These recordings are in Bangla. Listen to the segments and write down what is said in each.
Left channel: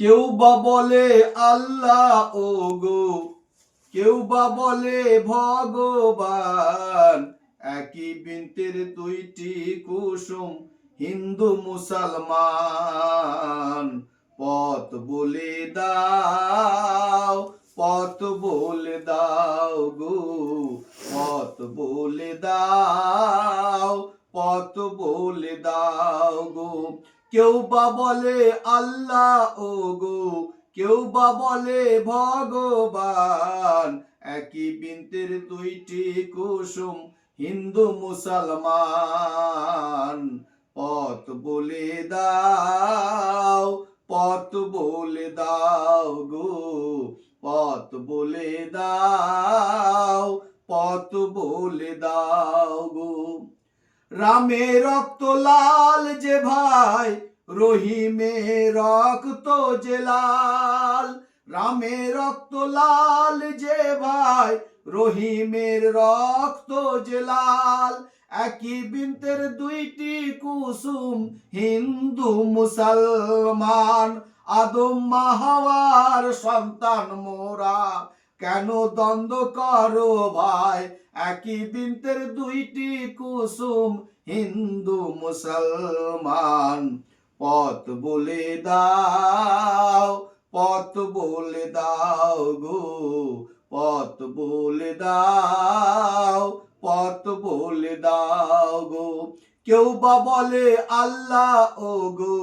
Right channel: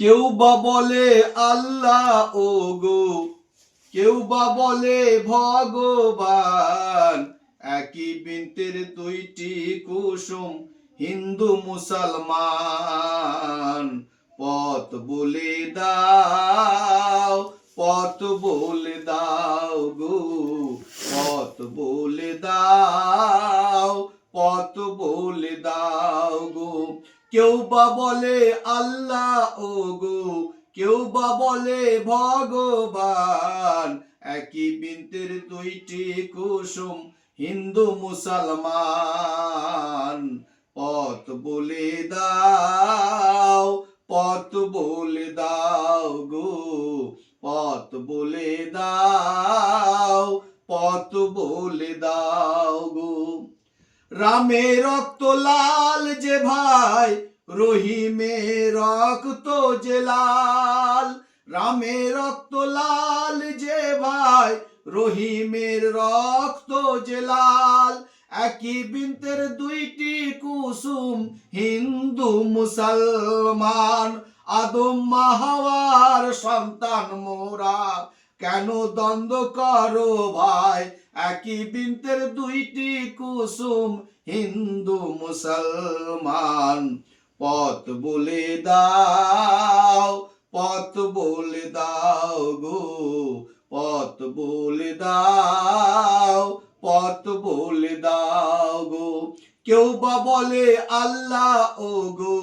কেউ বা বলে আল্লাহ ও গো, কেউ বা বলে ভগবান, একই বৃন্তের দুইটি কুসুম হিন্দু মুসলমান। পথ বলে দাও, পথ বলে দাও গো, পথ বলে দাও, পথ বলে দাও গো। কেউ বা বলে আল্লাহ ও গো, কেউ বা বলে ভগবান, একই বৃন্তের দুইটি কুসুম হিন্দু মুসলমান। পথ বলে দাও, পথ বলে দাও গো, পথ বলে দাও, পথ বলে দাও গো। রামের রক্ত লাল যে ভাই, রহিমের রক্ত যে লাল। রামের রক্ত লাল যে ভাই, রহিমের রক্ত যে লাল। একই বৃন্তের দুইটি কুসুম হিন্দু মুসলমান। আদম হাওয়ার সন্তান মোরা, কেন দ্বন্দ্ব করো ভাই? একই বৃন্তের দুইটি কুসুম হিন্দু মুসলমান। পথ বলে দাও, পথ বলে দাও গো, পথ বলে দাও, পথ বলে দাও গো। কেউ বা বলে আল্লাহ ও গো,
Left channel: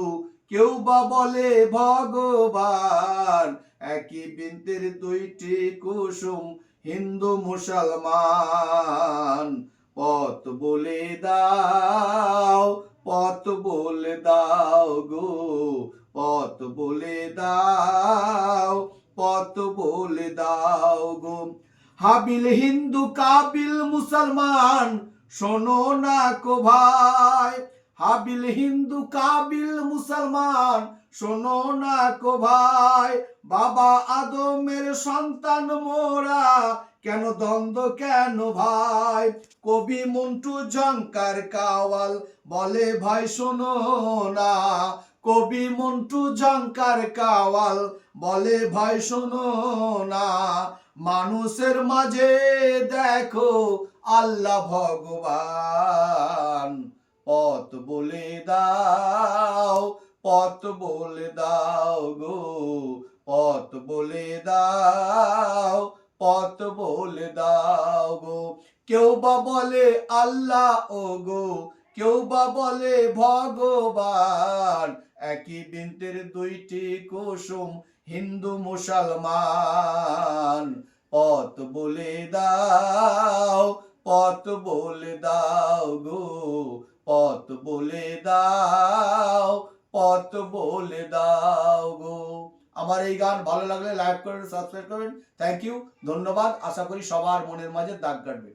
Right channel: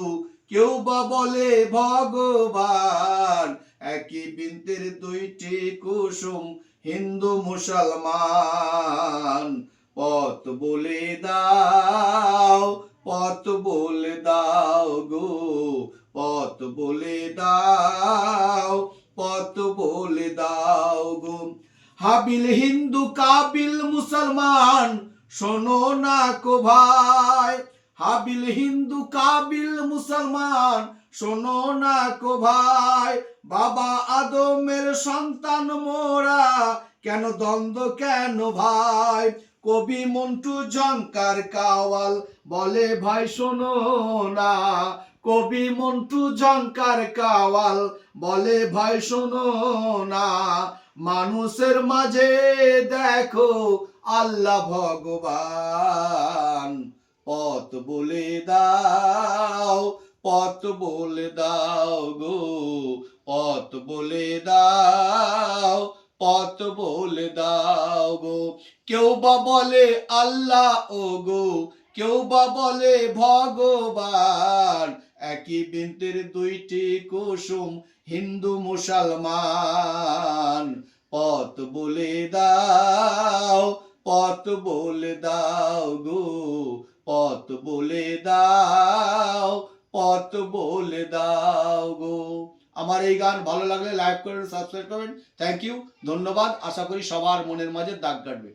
কেউ বা বলে ভগবান, একই বৃন্তের দুইটি কুসুম হিন্দু মুসলমান। পথ বলে দাও, পথ বলে দাও গো, পথ বলে দাও, পথ বলে দাও গো। হাবিল হিন্দু কাবিল মুসলমান, শোনো না কো ভাই। হাবিল হিন্দু কাবিল মুসলমান, শোনো না কো ভাই। বাবা আদমের সন্তান মোরা, কেন দ্বন্দ্ব কেন ভাই? কবি মন্টু ঝংকার কাওয়াল বলে ভাই শোনো না। কবি মন্টু ঝংকার কাওয়াল বলে ভাই শোনো না। মানুষের মাঝে দেখো আল্লাহ ভগবান। পথ বলে দাও, পথ বলে দাও গো, পথ বলে দাও, পথ বলে দাও গো। কেউ বা বলে আল্লাহ ও গো, কেউ বা বলে ভগবান, একই বৃন্তের দুইটি কুসুম হিন্দু মুসলমান। পথ বলে দাও, পথ বলে দাও গো, পথ বলে দাও, পথ বলে দাও গো। আমার এই গান ভালো লাগলে লাইক করবেন, সাবস্ক্রাইব করবেন। থ্যাংক ইউ, ধন্যবাদ। আশা করি সবার মনের মাঝে দাগ কাটবে।